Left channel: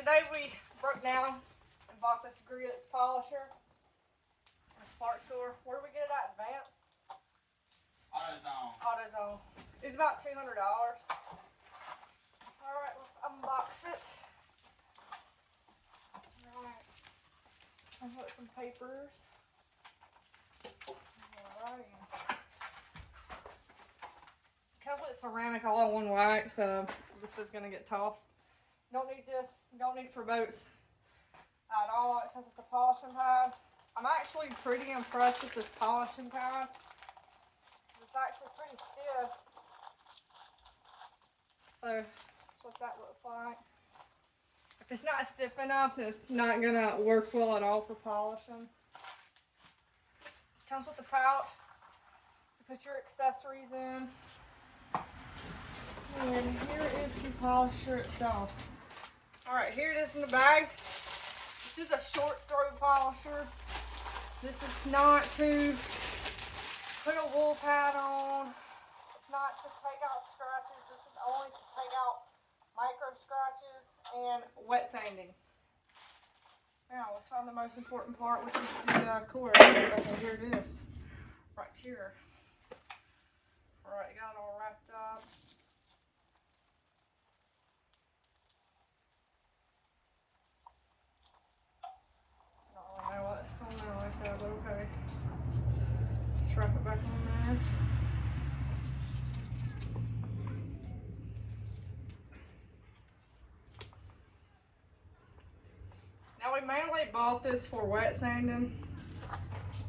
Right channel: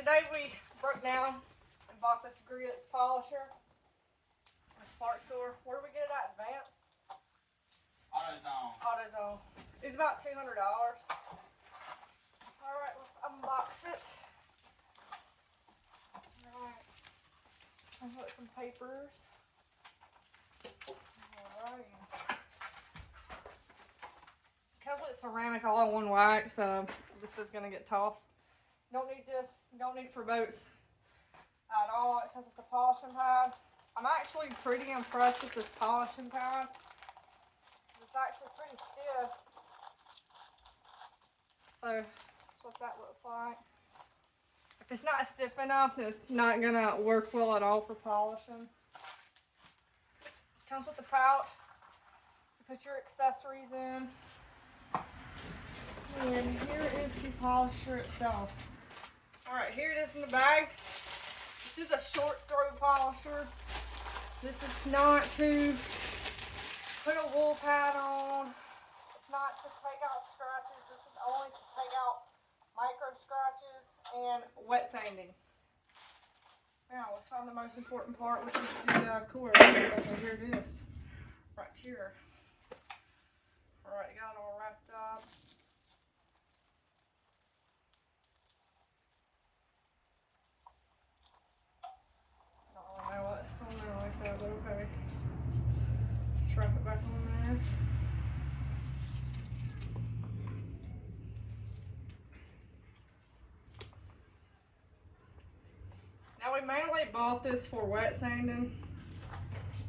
today we broke down and bought this Griots polisher at the parts store. Where did we get it at? Advance? AutoZone. AutoZone. It's about $200. Alright, let's unbox it. Alright. Let's put some papers. Alright. Comes with ceramic all in one wax, so this is going to get tossed. You don't need this. You don't need it for boats at all. It comes with the polishing pad. I'm actually pretty impressed with this polishing pad. It's actually pretty stiff. So that's what that looks like. If it's not stiff enough, it's not going to work well at all for polishing. Comes with a pouch to put your accessories in. And here is the polisher itself. Alright, here it is in the bag. This is a short throw polisher. This is not to put a wool pad on. It's not to take out scratches. This is only to take out micro scratches and wet sanding. Now, let's find the most important part, which is the cord. Okay, here it is. Right here. Alright, got it all wrapped up. But okay. Just wrap it back on there. Now we mainly bought this for wet sanding.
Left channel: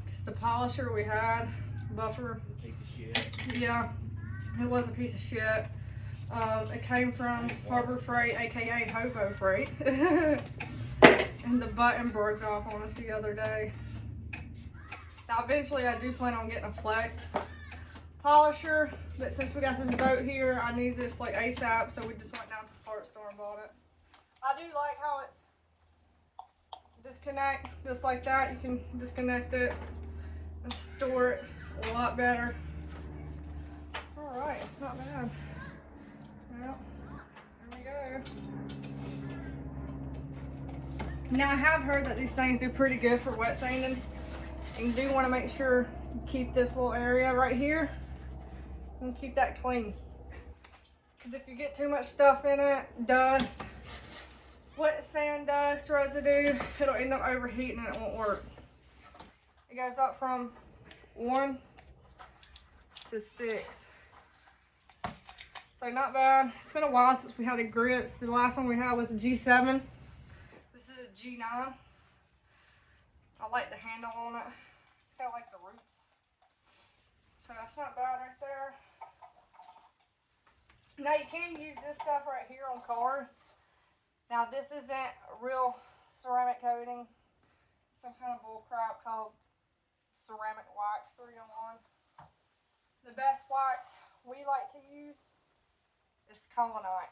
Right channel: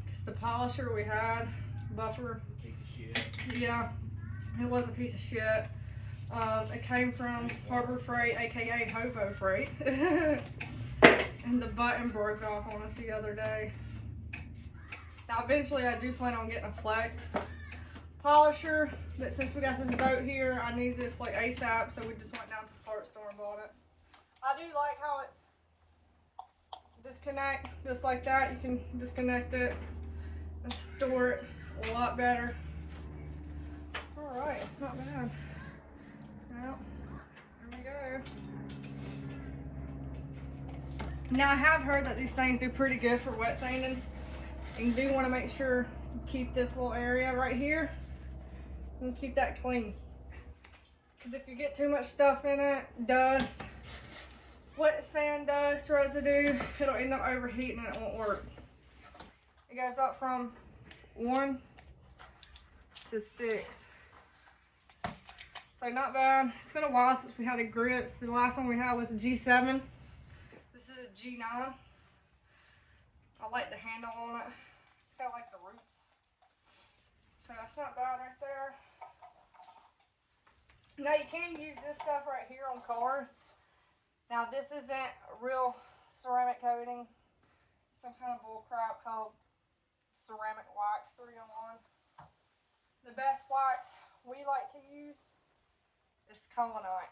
It's the polisher we had, buffer. Piece of shit. Yeah, it was a piece of shit. It came from Harbor Freight, aka Hobo Freight. And the button broke off on us the other day. Now eventually I do plan on getting a flex polisher, but since we got this boat here, I need this like ASAP, so we just went down to the parts store and bought it. I do like how it's disconnect, just like that. You can disconnect it and store it a lot better. Alright, it's not bad. Well, here we go. Now I have heard that these things do pretty good for wet sanding. You do want to make sure you keep this little area right here and keep that clean. Because if you get too much stuff in it, dust, wet sand dust, residue, it'll end up overheating and it won't work. It goes up from 1 to 6. So not bad. It's been a while since we had a Griots. The last one we had was a G7. This is a G9. I like the handle on it. It's got like the roots. So that's not bad right there. Now you can use this stuff right here on cars. Now this isn't real ceramic coating. Some kind of bull crap called ceramic wax 3-in-1. The best wax we like to use is Colonite.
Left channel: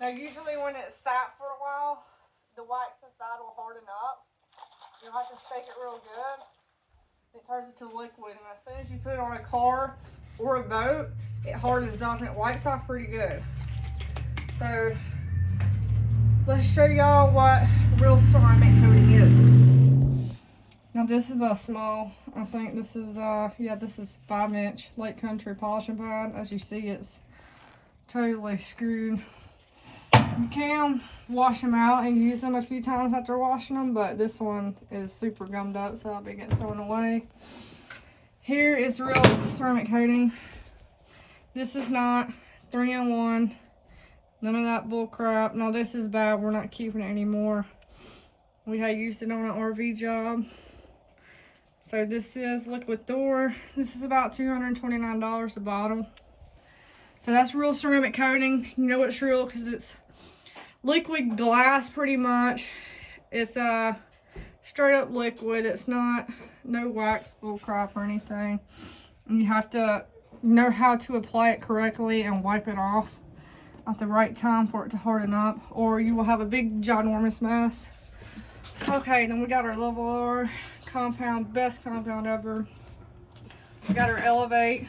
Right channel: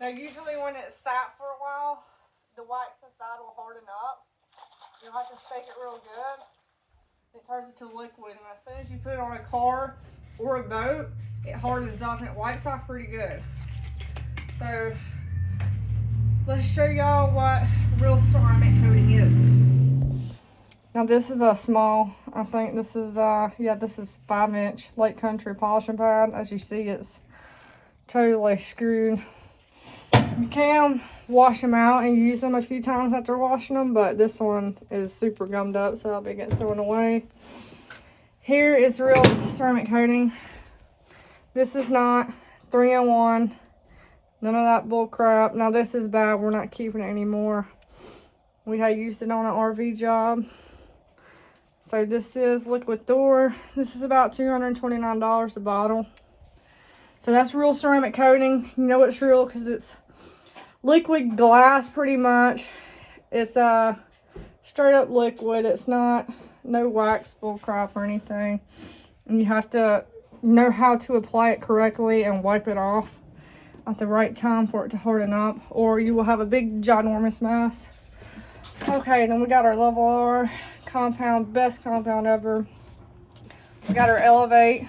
Now usually when it's sat for a while, the wax inside will harden up. You'll have to shake it real good. It turns into liquid, and as soon as you put it on a car or a boat, it hardens up and it wipes off pretty good. So let's show y'all what real ceramic coating is. Now this is a small, I think this is yeah, this is 5-inch Lake Country polishing pad. As you see, it's totally screwed. You can wash them out and use them a few times after washing them, but this one is super gummed up, so I'll be getting thrown away. Here is real ceramic coating. This is not 3-in-1. None of that bull crap. Now this is bad. We're not keeping it anymore. We had used it on an RV job. So this is liquid Thor. This is about $229 a bottle. So that's real ceramic coating. You know it's real because it's liquid glass pretty much. It's straight up liquid. It's not no wax bull crap or anything. And you have to know how to apply it correctly and wipe it off at the right time for it to harden up, or you will have a big ginormous mess. Okay, then we got our Level R compound, best compound ever. We got our Elevate,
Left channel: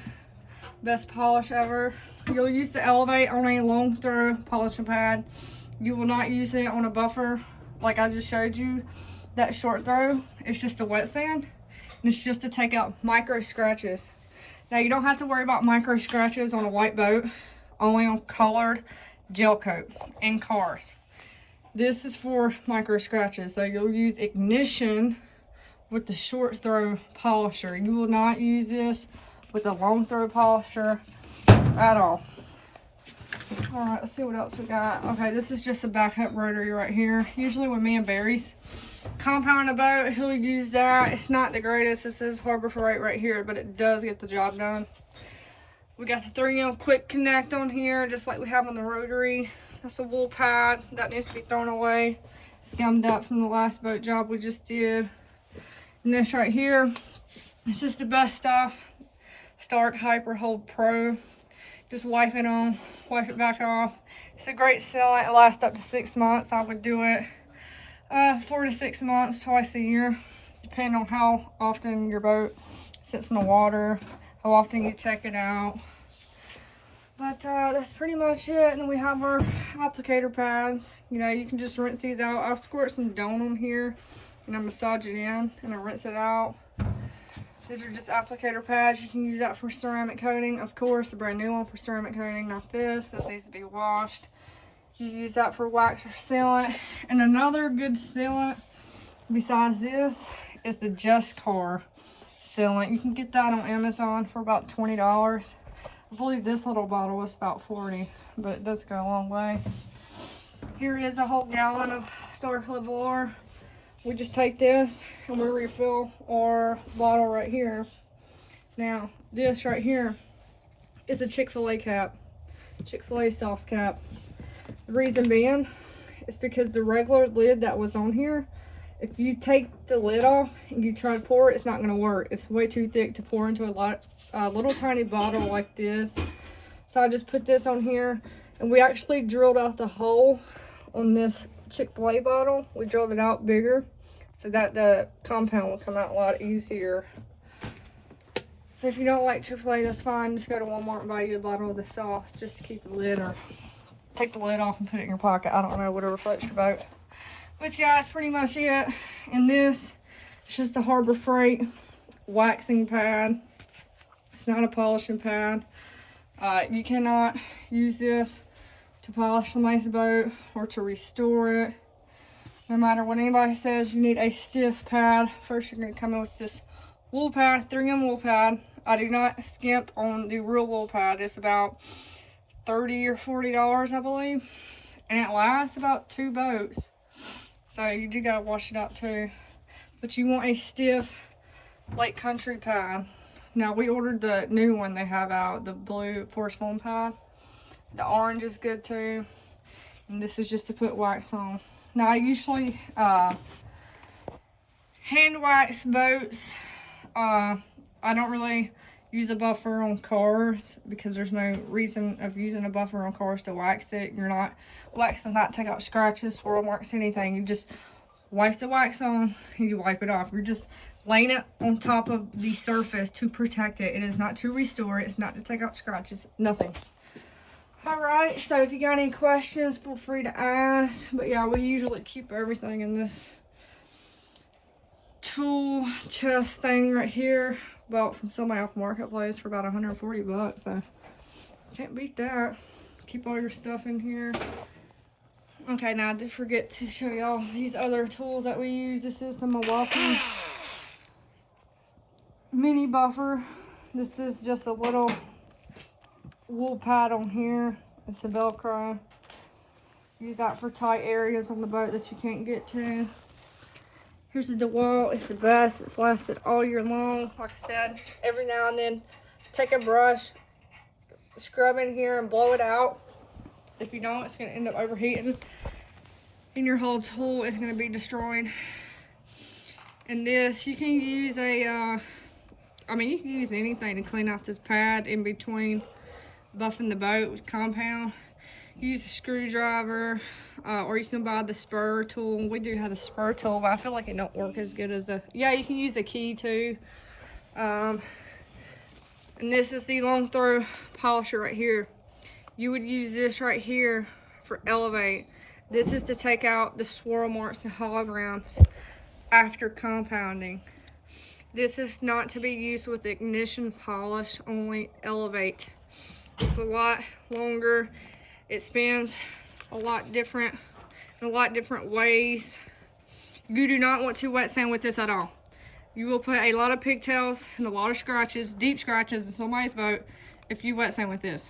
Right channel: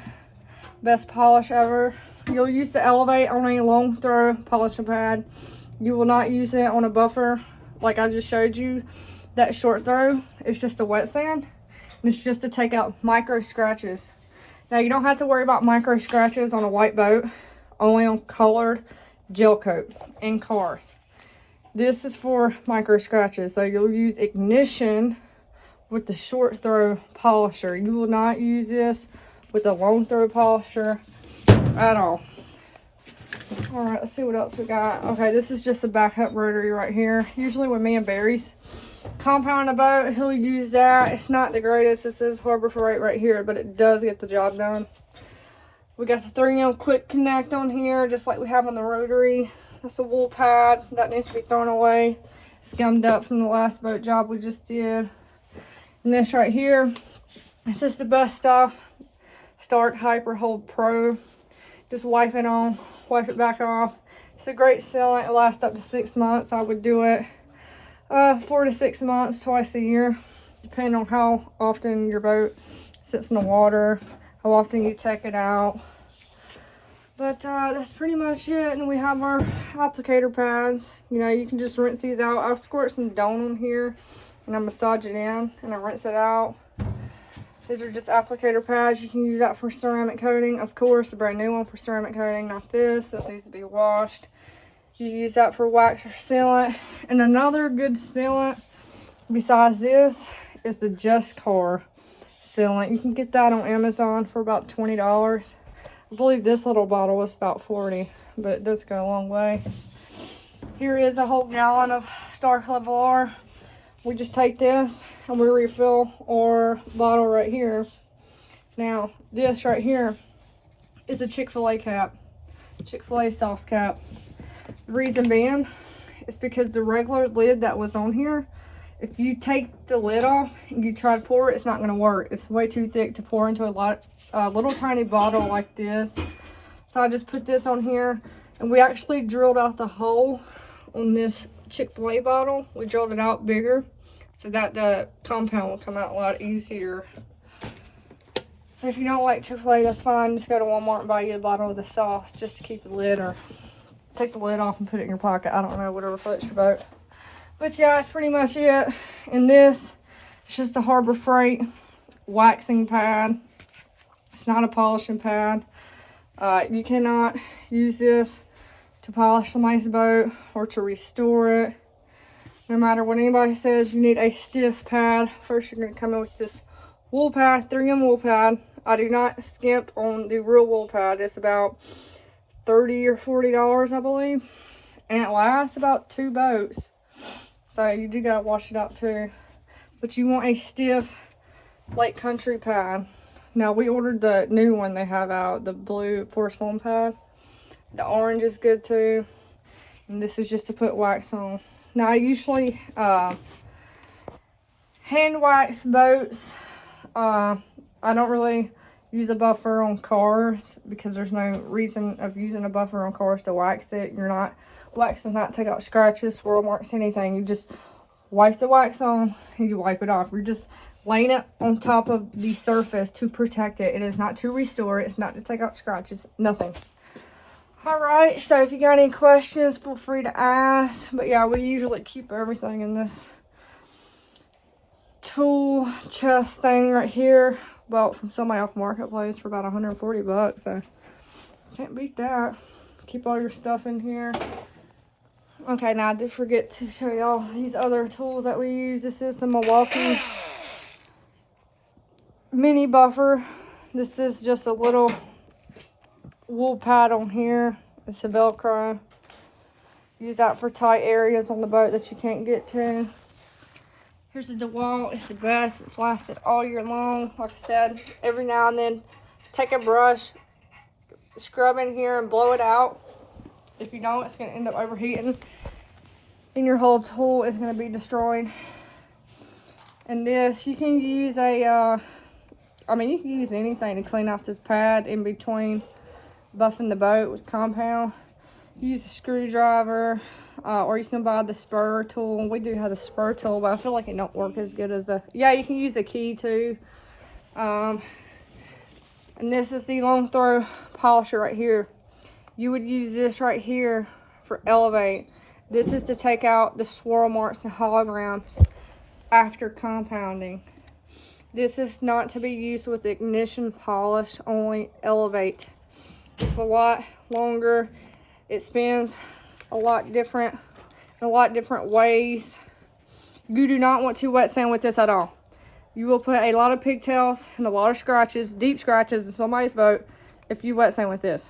best polish ever. You'll use the Elevate on a long throw polishing pad. You will not use it on a buffer like I just showed you. That short throw is just a wet sand, and it's just to take out micro scratches. Now you don't have to worry about micro scratches on a white boat, only on colored gel coat in cars. This is for micro scratches, so you'll use ignition with the short throw polisher. You will not use this with a long throw polisher at all. All right, let's see what else we got. Okay, this is just a backup rotary right here. Usually when me and Barry's compound a boat, he'll use that. It's not the greatest. This is Harbor Freight right here, but it does get the job done. We got the 3M quick connect on here, just like we have on the rotary. That's a wool pad that needs to be thrown away, scummed up from the last boat job we just did. And this right here, this is the best stuff. Stark Hyper Hold Pro. Just wipe it on, wipe it back off. It's a great sealant. It lasts up to 6 months. I would do it 4 to 6 months, twice a year, depending on how often your boat sits in the water, how often you take it out. But that's pretty much it. And then we have our applicator pads. You know, you can just rinse these out. I'll squirt some Dawn on here and I massage it in and I rinse it out. These are just applicator pads. You can use that for ceramic coating. Of course, a brand new one for ceramic coating, not this. This needs to be washed. You use that for wax or sealant. And another good sealant besides this is the Just Car sealant. You can get that on Amazon for about $20. I believe this little bottle was about $40, but it does go a long way. Here is a whole gallon of Stark Levolar. We just take this and we refill our bottle right here. Now, this right here is a Chick-fil-A cap, Chick-fil-A sauce cap. The reason being is because the regular lid that was on here, if you take the lid off and you try to pour it, it's not going to work. It's way too thick to pour into a little tiny bottle like this. So I just put this on here, and we actually drilled out the hole on this Chick-fil-A bottle. We drilled it out bigger so that the compound will come out a lot easier. So if you don't like Chick-fil-A, that's fine. Just go to Walmart and buy you a bottle of the sauce just to keep the lid, or take the lid off and put it in your pocket. I don't know, whatever floats your boat. But yeah, that's pretty much it. And this is just a Harbor Freight waxing pad. It's not a polishing pad. You cannot use this to polish somebody's boat or to restore it. No matter what anybody says, you need a stiff pad. First, you're going to come in with this wool pad, 3M wool pad. I do not skimp on the real wool pad. It's about $30 or $40, I believe. And it lasts about 2 boats. So you do got to wash it out too. But you want a stiff Lake Country pad. Now, we ordered the new one they have out, the blue force foam pad. The orange is good too. And this is just to put wax on. Now, I usually hand wax boats. I don't really use a buffer on cars because there's no reason of using a buffer on cars to wax it. Wax does not take out scratches, swirl marks, anything. You just wipe the wax on and you wipe it off. You're just laying it on top of the surface to protect it. It is not to restore it. It's not to take out scratches. Nothing. Alright, so if you got any questions, feel free to ask. But yeah, we usually keep everything in this tool chest thing right here. Bought from somebody off Marketplace for about 140 bucks. So can't beat that. Keep all your stuff in here. Okay, now I did forget to show y'all these other tools that we use. This is the Milwaukee mini buffer. This is just a little wool pad on here. It's a Velcro. Use that for tight areas on the boat that you can't get to. Here's the DeWalt. It's the best. It's lasted all year long. Like I said, every now and then take a brush, scrub in here and blow it out. If you don't, it's going to end up overheating and your whole tool is going to be destroyed. And this, you can use a, you can use anything to clean off this pad in between buffing the boat with compound. Use a screwdriver, or you can buy the spur tool. We do have the spur tool, but I feel like it don't work as good as a, yeah, you can use a key too. And this is the long throw polisher right here. You would use this right here for elevate. This is to take out the swirl marks and holograms after compounding. This is not to be used with ignition polish, only elevate. It's a lot longer. It spins a lot different in a lot different ways. You do not want to wet sand with this at all. You will put a lot of pigtails and a lot of scratches, deep scratches in somebody's boat if you wet sand with this.